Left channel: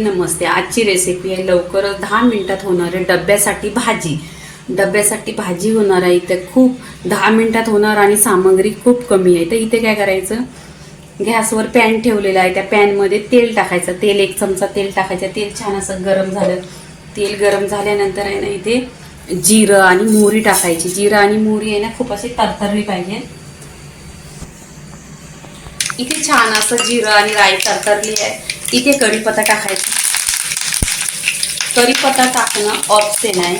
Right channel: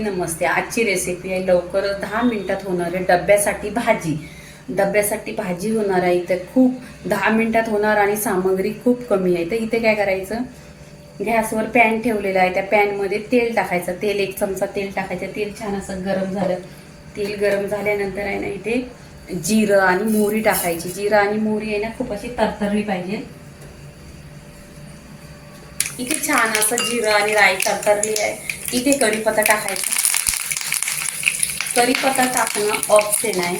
नमस्ते. आजची रेसिपी आहे लवकरच 10 मिनिटात होणारे डब्यासाठी भाजी होणार आहे. इथे खूप 10 मिनिटात होणार आणि सामग्री खूप कमी आहे. तर इथे काय करायचं, गॅसवर पॅन ठेवलेला आहे. त्या पॅनमध्ये तेल टाकायचं. तेल 1 चमचा तेल टाकायचं. तेल छान असं गरम झालं. तेल गरम झाल्यानंतर आहे ना इथे जिरं आणि मोहरी टाकायची. जिरं आणि मोहरी आहे ना खूप अशी तरतरली पाहिजे. इथे छान असं जिरं आणि राई तरतरली आहे. इथे कढीपत्ता टाकायचा. कढीपत्ता टाकणं ऑप्शन आहे.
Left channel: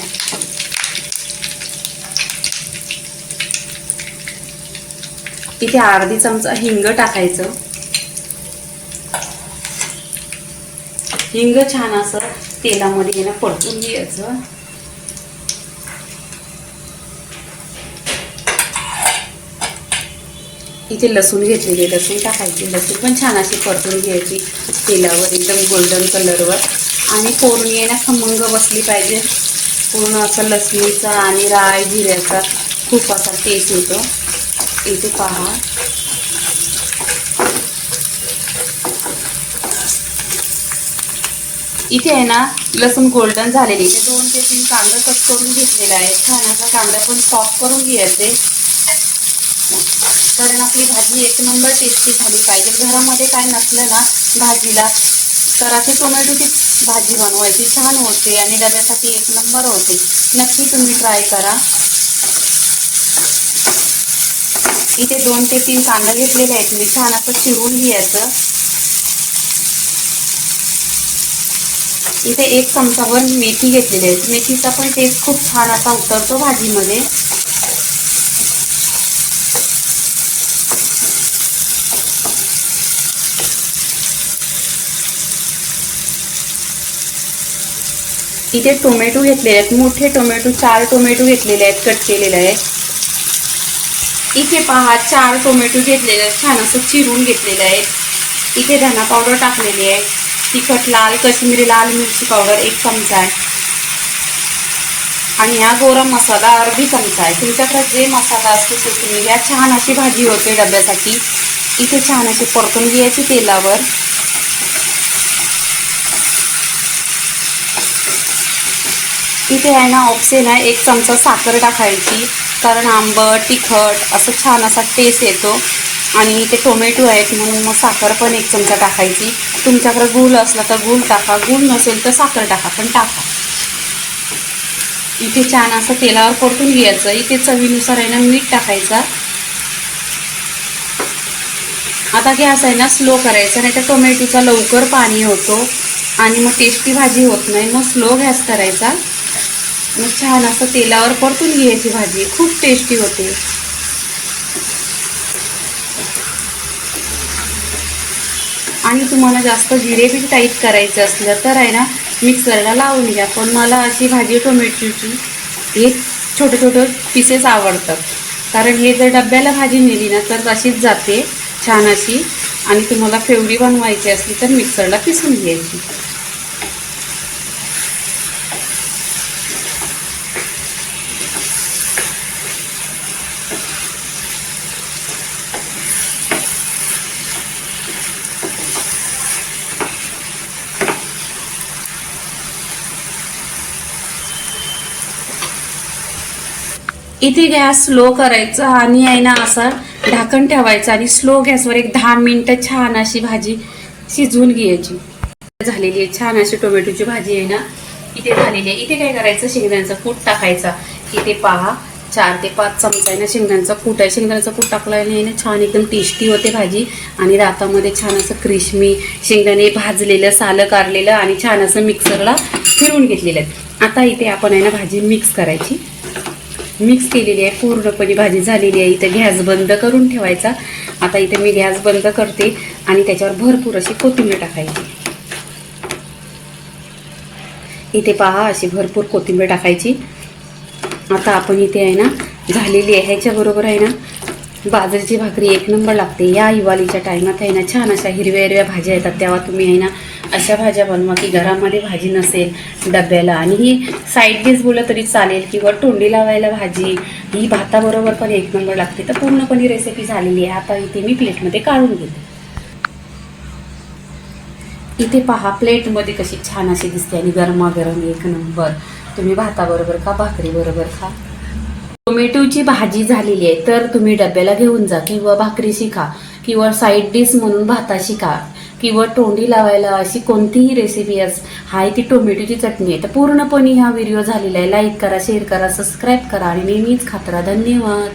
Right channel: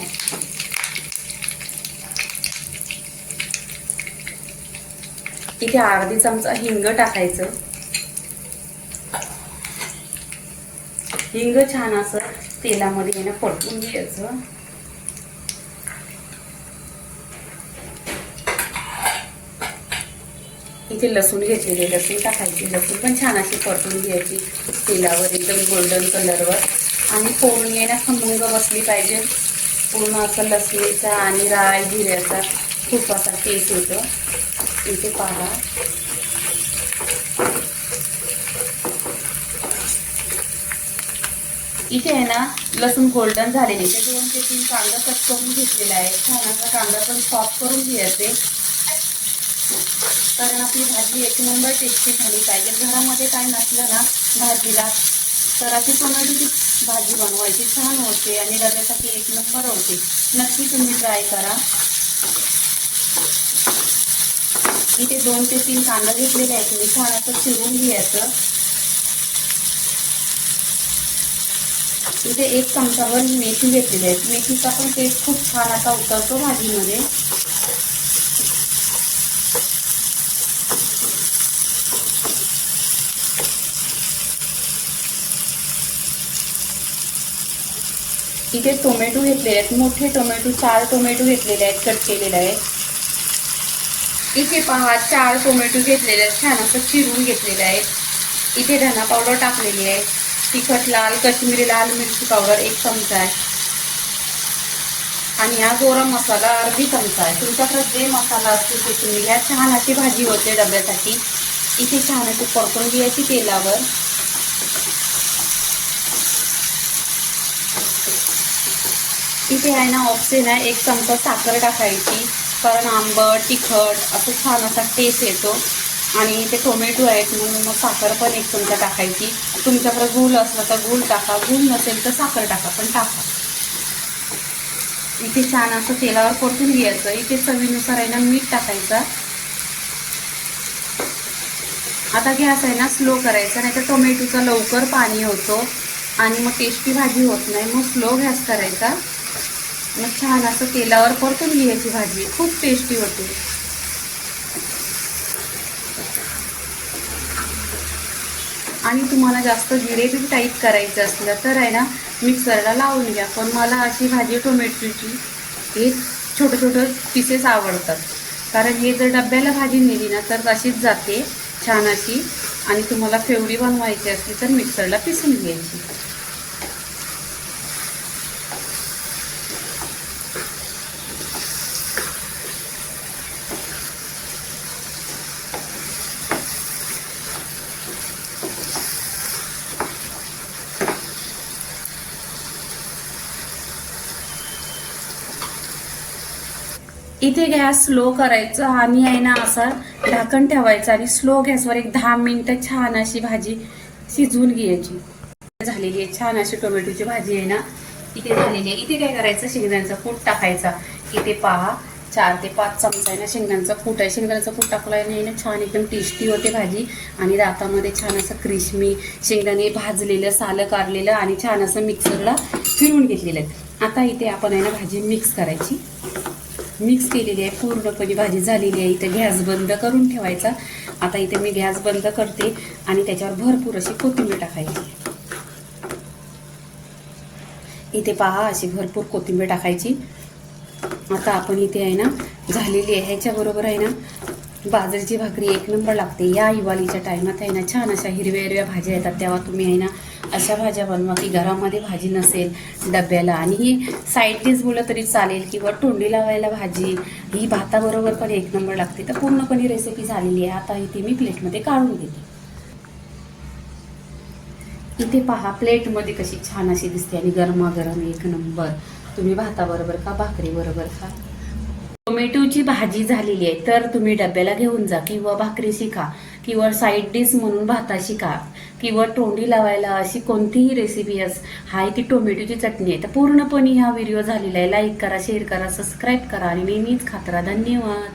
इथे अर्धी चमचा हिंग टाकायचं. हिंग छान असं तेलामध्ये ना परतून घ्यायचं. इथे लसूण घेतलेले, लसूण टाकायची. लसूण पण छान अशी परतून घ्यायची तेलावर एकदम गोल्डन कलरवर. आणि फोडणी आहे ना खमंग बसली पाहिजे. पूर्ण असं लसणीचा आणि राई जिऱ्याचा खूप असा टेस्ट येतो. इथे पहा, इथे आहे ना लसूण गोल्डन झालेली. इथे 2 ते 3 कांदा कट करून घेतलेला आहे. छान असा कांदा पण सॉफ्ट करून घ्यायचे, कारण आपली भाजी 1 नंबर टेस्टी झाली पाहिजे. घरामध्ये काय नसलं ना भाजीला तर अशी टोमॅटोची भाजी बनवायची, छान होते आणि डब्यासाठी 1 नंबर होते. नक्की तुम्ही ट्राय करा. इथे 2 ते 3 कांदा घेतलेले आहेत. मी छान असं चिरून घ्यायचं. इथे 1 चमचाभर मेथी घेतलेली आहे. मेथीचा पण टेस्ट खूप छान असा उतरतो भाजीमध्ये. इथे टोमॅटो घेतलेले आहेत. मोठे टोमॅटो 4 टोमॅटो घेतलेले आहेत, कट केलेले आहेत. इथे पहा 4 टोमॅटो घेतलेले आहेत, छान असं चिरून घेतलेले आहेत. इथे धना पावडर टाकलेली आहे. तिखट लाल काश्मीरी लाल मिरची पावडर 1 चमचा आहे. आणि हा गोरा मसाला अर्धी चमचा आहे. तुमच्याकडे जे मसाला असतो ते तुम्ही घ्या. छान अशी भाजी होते डब्यासाठी. इथे छान अशी परतून घ्यायची तेलावर. इथे आहे ना ऑप्शन आहे, 1 चमचा साखर टाकायची, कारण आंबट तिखट असं छान असा टेस्ट येतो. आणि इथे टोमॅटो आहेत म्हणून मग साखर पण 1 चमचा टाकायची. तुमच्याकडे गूळ असला तर गूळ टाका, गूळ नसेल तर साखर टाका, पण टाका. इथे छान असं तेलावर परतून घ्यायचं. इथे चवीनुसार आहे ना मीठ टाकायचं. आता गॅस आहे ना स्लो करायचा, नाही तर टोमॅटोचा लवकर पाणी होतो आणि मग टेस्टी भाजी होत नाही. मग स्लो गॅस करायचा. मग छान असं तेलावर परतून घ्यायची भाजी, खूप टेस्टी होते. आणि तुम्हाला जास्त ग्रेव्ही टाईप करायचं असलं तर आहे ना मिक्सरला लावून घ्या. पण मला अशी भाजी टोमॅटोची हे छोटे पीसेस आवडतात, कारण हे जर डब्याला भाजी नेली ना तर अशीच जाते छान अशी. आणि तुम्हाला फेवरी बनवायची असली तर मिक्सरला पिसून घ्यायची. इथे गॅस स्लो करायचा आणि आहे ना असं ढाकण ठेवायचं आणि स्लो गॅसवर 10 मिनिटं छान अशी भाजी शिजवून घ्यायची. झालेली आहे छान अशी टोमॅटोची भाजी आहे ना इथे झालेली आहे. इथे काय करायचं, शेंगदाण्याचा कूट टाकायचा. इथे पहा 4 ते 5 चमचा आहे ना शेंगदाण्याचा कूट आहे. शेंगदाण्याचा कूट टाकल्याने ना छान एकदम टेस्टी होते भाजी. आणि रातामध्ये छान असं क्रिस्पी शेंगदाणे भाजलेलं, सालं कारलेलं आणि छान असं मिक्सरला फिरून घेतलेलं आहे. आता इथे आपण आहे ना भाजी मिक्स करायची. मिक्स केलेली आहे, पूर्णपणे भाजी झालेली आहे. इथे गॅस बंद करून ठेवायचा. आता इथे मी गॅस बंद करते आणि त्याच्यावर भरपूर अशी कोथिंबीर टाकायची. इथे पहा अशी भरपूर कोथिंबीर टाकायची. आता आपण इथे आहे ना झालेली आहे, ह्याच्याबरोबर आहे ना बाजरीची भाकरी एक नंबर लागते. या हिवाळीच्या टायमात आहे ना छान अशा हिरव्या हिरव्या भाज्या येतात, तेव्हा तुम्ही आहे ना अशा भाज्या बनवा की घरामध्ये भाजी नसेल डब्याला, आणि ही साईड डिश बोललं तरी चालेल, किंवा तोंडी लावायला भाजी ही भाताबरोबर पण एक नंबर लागते. तर पूर्णपणे रेसिपी झालेली आहे. आता इथे मी प्लेटमध्ये काढून घेते. इथे पहा प्लेटमध्ये कशी छान अशी दिसते आणि गरमागरम एक नंबर. तुम्ही भाताबरोबर खा, भाकरीबरोबर खा. टोमॅटोची भाजी झालेली आहे, तर तुम्ही डब्याला घेऊन जा, किंवा भाकरीशी खा, किंवा साईड डिश म्हणून भाताशी खा, किंवा तोंडी लावायला अशी कोणतीही रेसिपी हाय ती टोमॅटोची चटणी आहे. तर पूर्णपणे हा व्हिडिओ झालेला आहे. लाईक करा, शेअर करा, सबस्क्राईब करा आणि नेहमीच खात राहा. धन्यवाद.